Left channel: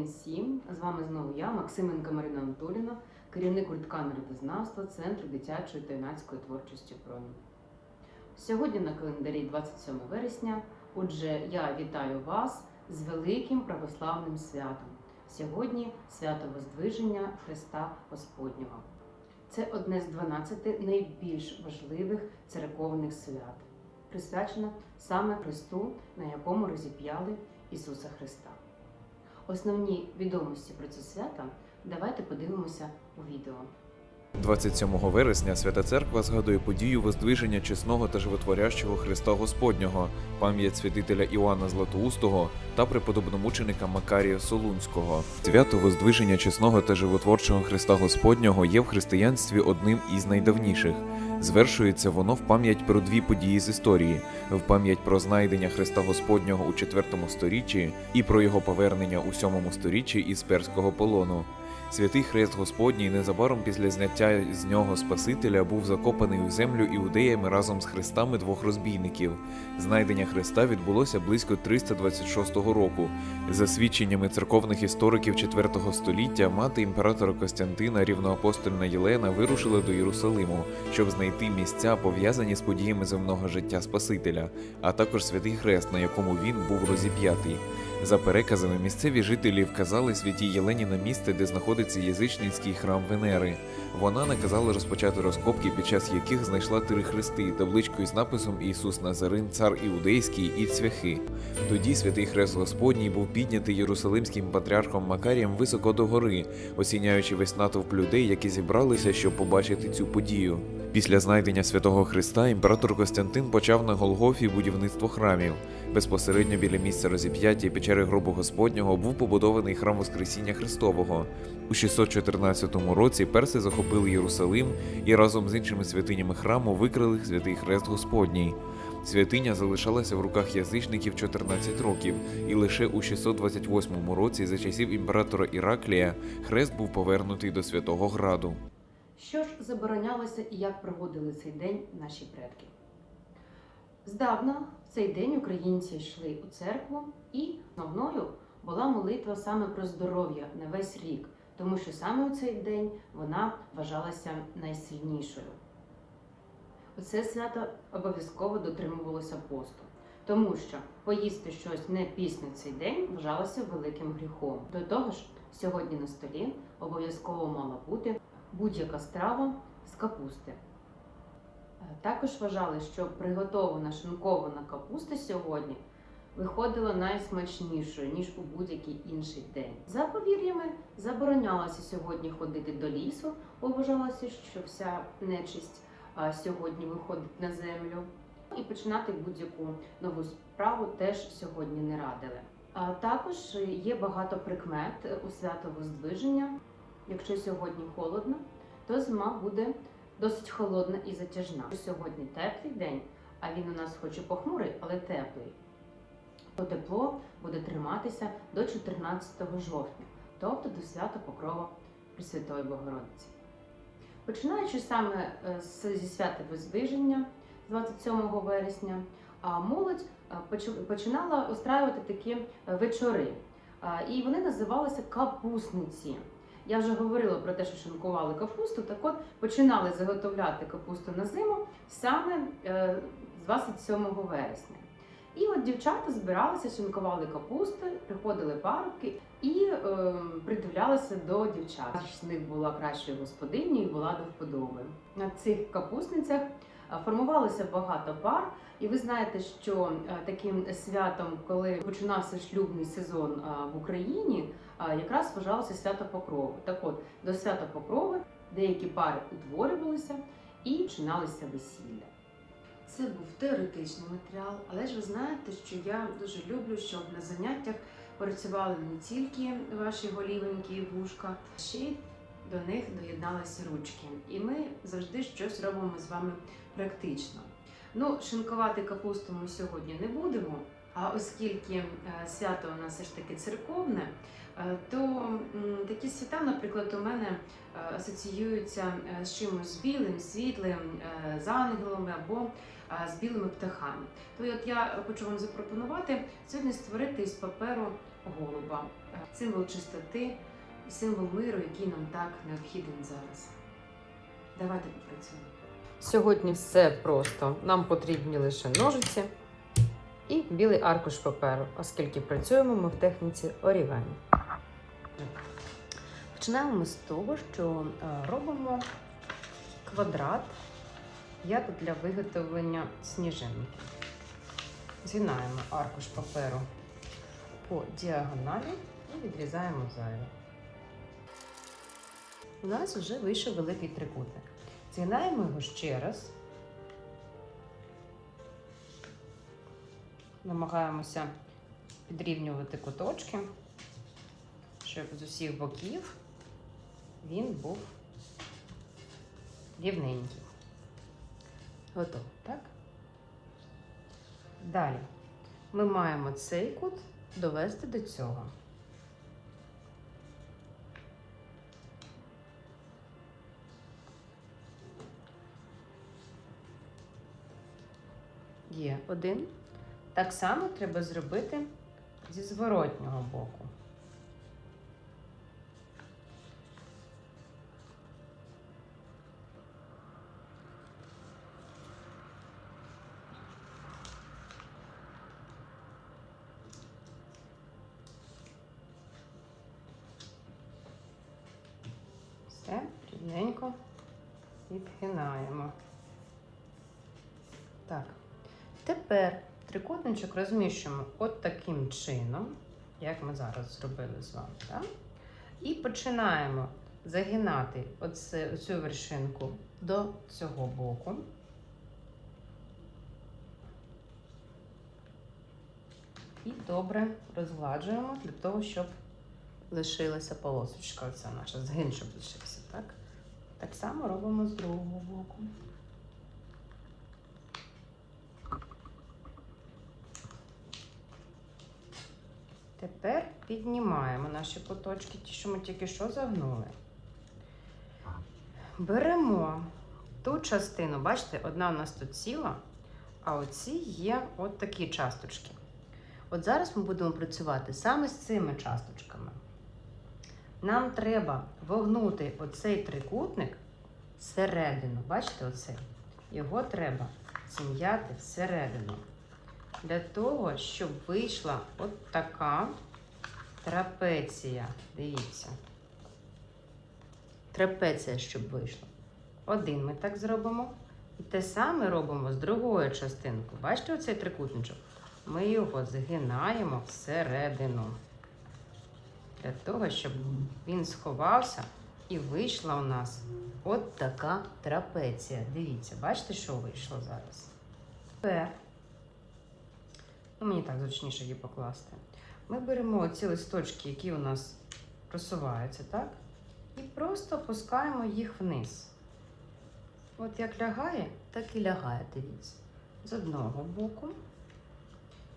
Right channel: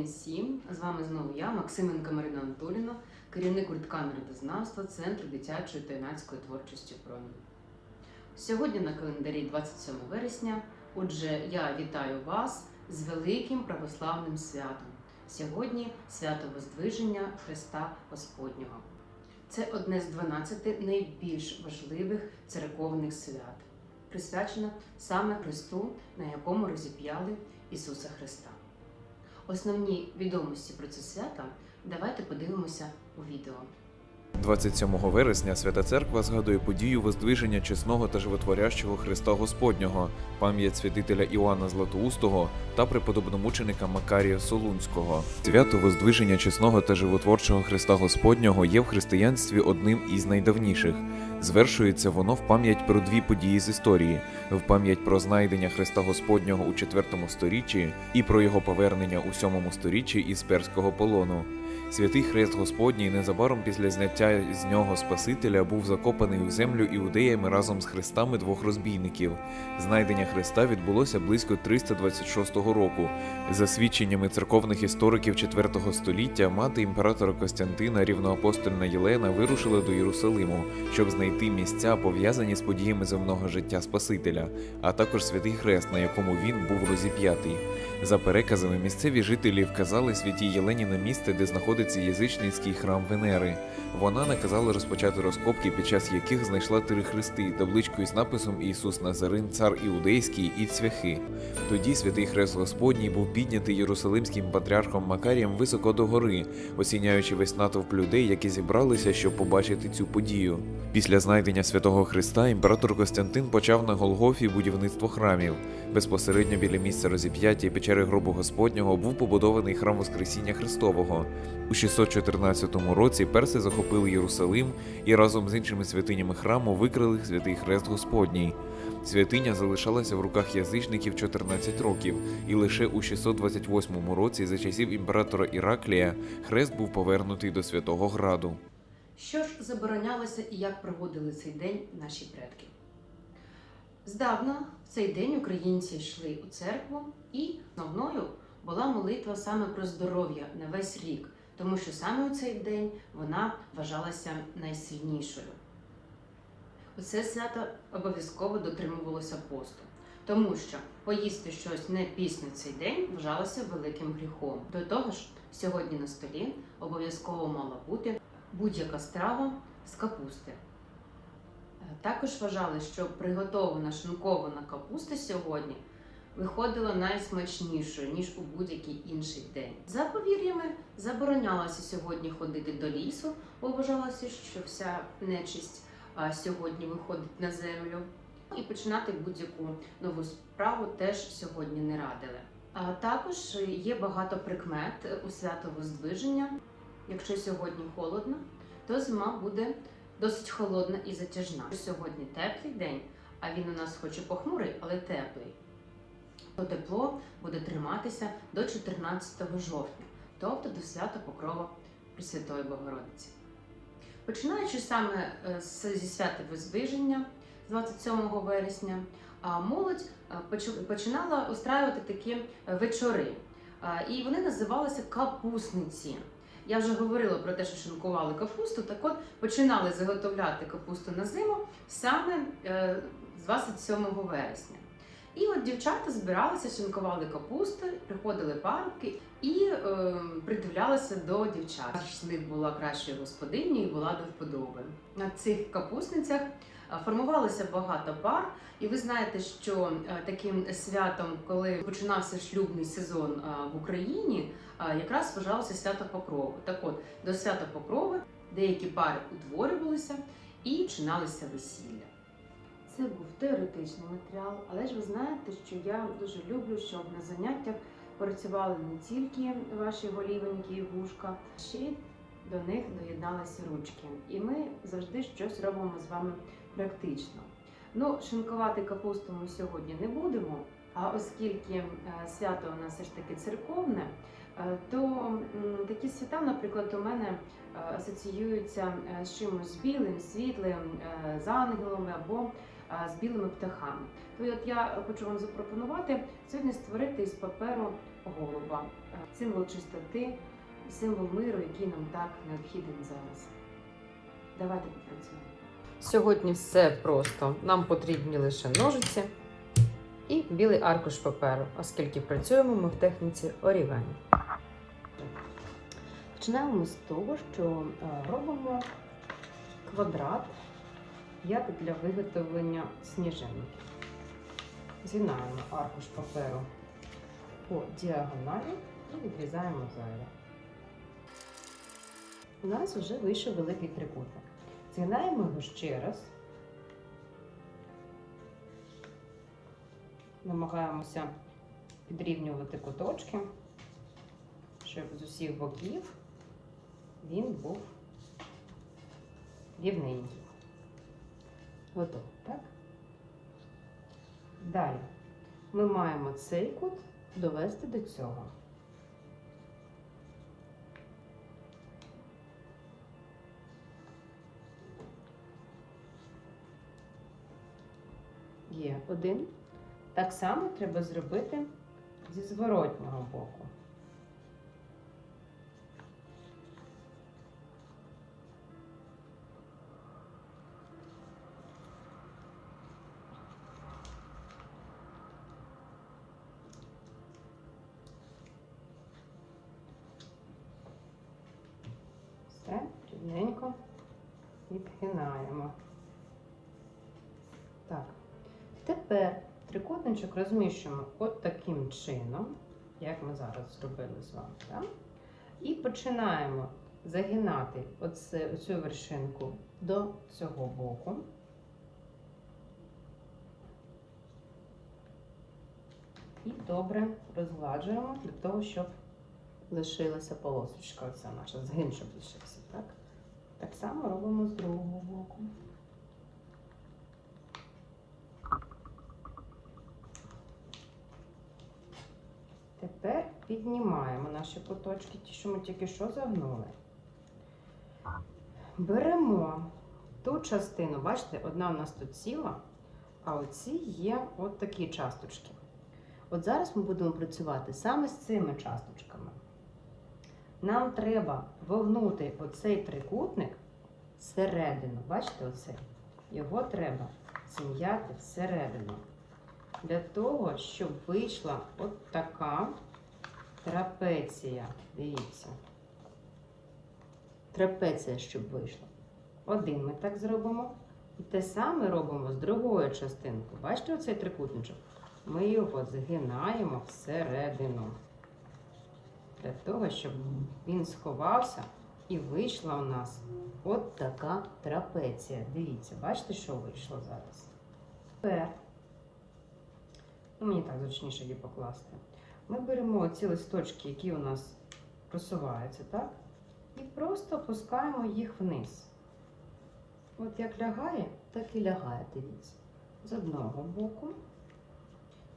день всім. З вами знову я, Максименко Марина Анатоліна, керівник гуртка народознавства Центру дитячої та юнацької творчості «Промінь». Сьогодні на календарі 27 вересня. Отже, я вітаю вас з великим православним святом. Сьогодні свято Воздвиження Христа Господнього. Це одне з 12 найбільш важливих церковних свят, присвячене саме Христу, на якому розіп'яли Ісуса Христа. Основні відомості про це свято давайте подивимося у відео. 27 вересня Свята Церква згадує подію воздвиження чесного та животворящого Христа Господнього, пам'ять святителя Іоанна Златоустого та преподобномученика Макарія Солунського. Свято воздвиження чесного та животворчого Христа Господнього є в християнстві одним із найдавніших. Звершується воно в пам'ять про дві події з історії: в пам'ять про знайдення Христа Господнього у IV сторіччі і про його повернення у VII сторіччі із перського полону. Святий Хрест Господній незабаром після зняття з нього Спасителя був закопаний у землю іудеями разом з хрестами двох розбійників. Знайдення Христа відбулося близько 326 року. За свідченнями церковних істориків IV століття, мати імператора Костянтина, рівноапостольна Єлена, вирушила до Єрусалиму, щоб знайти місця, пов'язані з подіями земного життя Спасителя, а також святий хрест, на якому він був розіп'ятий. За переказами, місцеві жителі вказали святій Єлені на місце, де знаходиться язичницький храм Венери. Вона наказала розпочати розкопки, під час яких знайшла три хрести, табличку із написом Ісус Назарин, цар іудейський і цвяхи. Тоді святий хрест Господній був піднятий єрусалимським патріархом Макарієм високо до гори, осіняючи весь натовп людей, які зібралися, щоб побачити цю подію. Після знайдення святого Христа імператор Костянтин почав на Голгофі будівництво храмів. Безпосередньо біля місця розіп'яття печери гробу Господнього був побудований храм Воскресіння Христового. У 614 році перси захопили Єрусалим і разом з іншими святинями храму викрили святий хрест Господній. Святиня залишалася в руках язичників 14 років, і лише у 628 році, за часів імператора Іраклія, хрест був повернутий до Святого Граду. Що ж заборонялося і як проводили цей день наші предки? Здавна в цей день українці йшли у церкву, і основною була молитва саме про здоров'я на весь рік, тому що саме у цей день вона вважалася найсильнішою. У це свято обов'язково дотримувалося посту, тому що поїсти щось не після цей день вважалося великим гріхом. До того ж, сьогодні на столі обов'язково мала бути будь-яка страва з капусти. Також вважали, що приготована шинкована капуста сьогодні виходила найсмачнішою, ніж у будь-який інший день. За повір'ями заборонялося сьогодні ходити до лісу, вважалося, що вся нечисть сьогодні виходить на землю. І починати будь-яку нову справу теж сьогодні не радили. А також є багато прикмет у свято Воздвиження. Якщо сьогодні холодно, то зима буде досить холодна і затяжна. Сьогодні теплий день, а він у нас хоч і похмурий, але теплий. То тепло буде триматися до 14 жовтня, тобто до свята Покрова Пресвятої Богородиці. Починаючи саме е, зі свята Воздвиження з 27 вересня, молодь починала устраювати такі е, вечори. І вони називалися капусниці. Я вже говорила про те, що шинкували капусту. Так от починали заготовляти капусту на зиму саме е, з 27 вересня. І от дівчата збиралися, шинкували капусту, приходили парубки і е, придивлялися до дівчат. З них була кращою господинею і була до вподоби. На цих капусницях е, формувалося багато пар, і ви знаєте, що е, таким святом, коли починався шлюбний сезон е, в Україні, якраз вважалося свято Покрови. Так от до свята Покрови деякі пари утворювалися і починалися весілля. Це був теоретичний матеріал, але ж ви знаєте, що я дуже люблю, щоб на заняттях працювали не тільки ваші голівенькі і вушка, ще й до них доєдналися ручки. І ми завжди щось робимо з вами практично. Ну, шинкувати капусту ми сьогодні не будемо. А оскільки е, свято у нас все ж таки церковне, е, то такі свята, наприклад, у мене е, асоціюються з чимось білим, світлим, з ангелами або з білими птахами. То от я хочу вам запропонувати сьогодні створити із паперу голуба, символ чистоти і символ миру, який нам так необхідний зараз. Давайте попрацюємо. Сьогодні все просто. Нам потрібні лише ножиці і білий аркуш паперу, оскільки працюємо ми в техніці орігамі. Починаємо ми з того, що е, робимо квадрат як для виготовлення сніжинки. Згинаємо аркуш паперу по діагоналі і відрізаємо зайве. У нас вже вийшов великий трикутник. Згинаємо його ще раз. Намагаємося підрівнювати куточки, щоб з усіх боків він був рівненький. Готово, так? Далі ми маємо цей кут довести до цього. Є один. Так само треба зробити зі зворотнього боку. Відгинаємо. Так. Тепер трикутничок розміщуємо от таким чином, як ми зараз зробили з вами. Так? І починаємо загинати оце, цю вершинку до цього боку. І добре розгладжуємо для того, щоб лишилася полосочка. Це наша згин, щоб лишився. Так? Так само робимо з другого боку. Тепер піднімаємо наші куточки, ті, що ми тільки що загнули. Беремо ту частину, бачите, одна у нас тут ціла, а оці є от такі часточки. От зараз ми будемо працювати саме з цими часточками. Нам треба вогнути оцей трикутник всередину. Бачите, оце? Його треба зім'яти всередину. Для того, щоб вийшла от така трапеція. Дивіться. Трапеція, щоб вийшла. Один ми так зробимо. І те саме робимо з другою частинкою. Бачите оцей трикутничок? Ми його згинаємо всередину. Для того, щоб він сховався і вийшла у нас от така трапеція. Дивіться, бачите, що вийшло зараз? Тепер, ну мені так зручніше її покласти. Ми беремо ці листочки, які у нас просуваються, так? І просто опускаємо їх вниз. От як лягає, так і лягає, дивіться. З одного боку.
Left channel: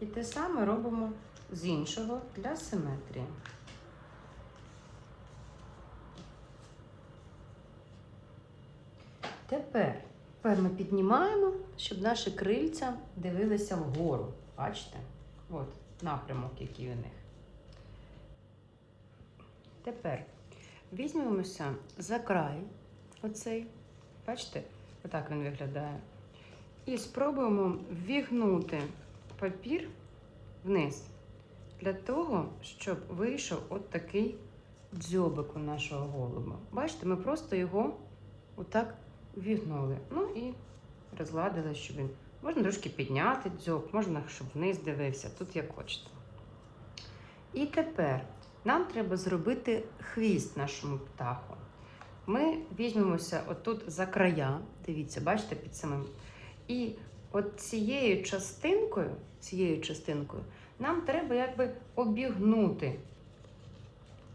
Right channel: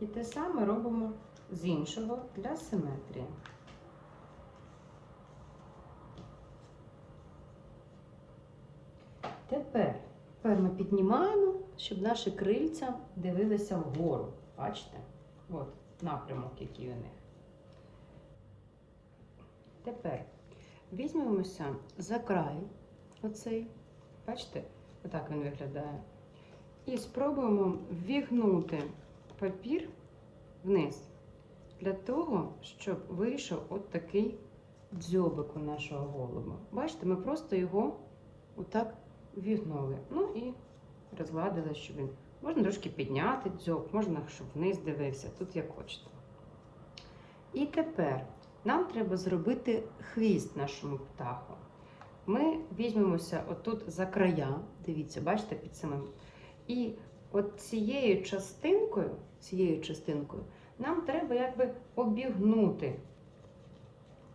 І те саме робимо з іншого для симетрії. Тепер, тепер ми піднімаємо, щоб наші крильця дивилися вгору. Бачите? От напрямок, який у них. Тепер візьмемося за край оцей. Бачите, отак він виглядає. І спробуємо ввігнути папір вниз. Для того, щоб вийшов от такий дзьобик у нашого голуба. Бачите, ми просто його отак ввігнули. Ну і розгладили, щоб він. Можна трошки підняти дзьоб, можна, щоб вниз дивився, тут як хочете. І тепер нам треба зробити хвіст нашому птаху. Ми візьмемося отут за края, дивіться, бачите, під самим. І от цією частинкою, цією частинкою нам треба якби обігнути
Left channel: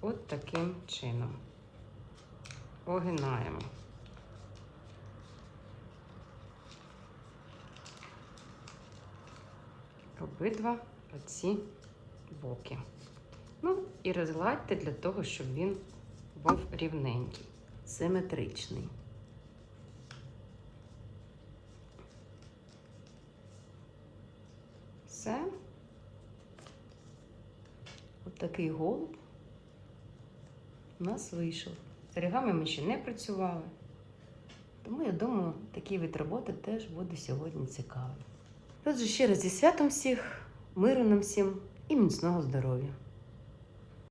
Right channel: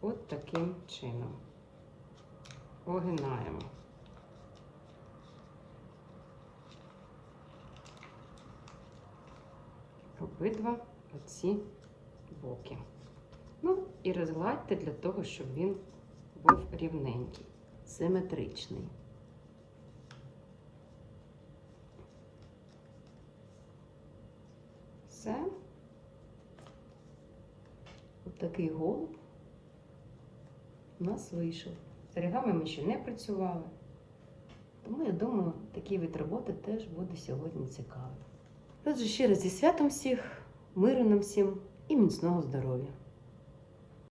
от таким чином. Огинаємо. Обидва оці боки. Ну і розгладьте для того, щоб він був рівненький, симетричний. Все. такий голуб у нас вийшов. З оригами ми ще не працювали. Тому я думаю, такий вид роботи теж буде сьогодні цікавий. Отже, ще раз зі святом всіх, миру нам всім і міцного здоров'я!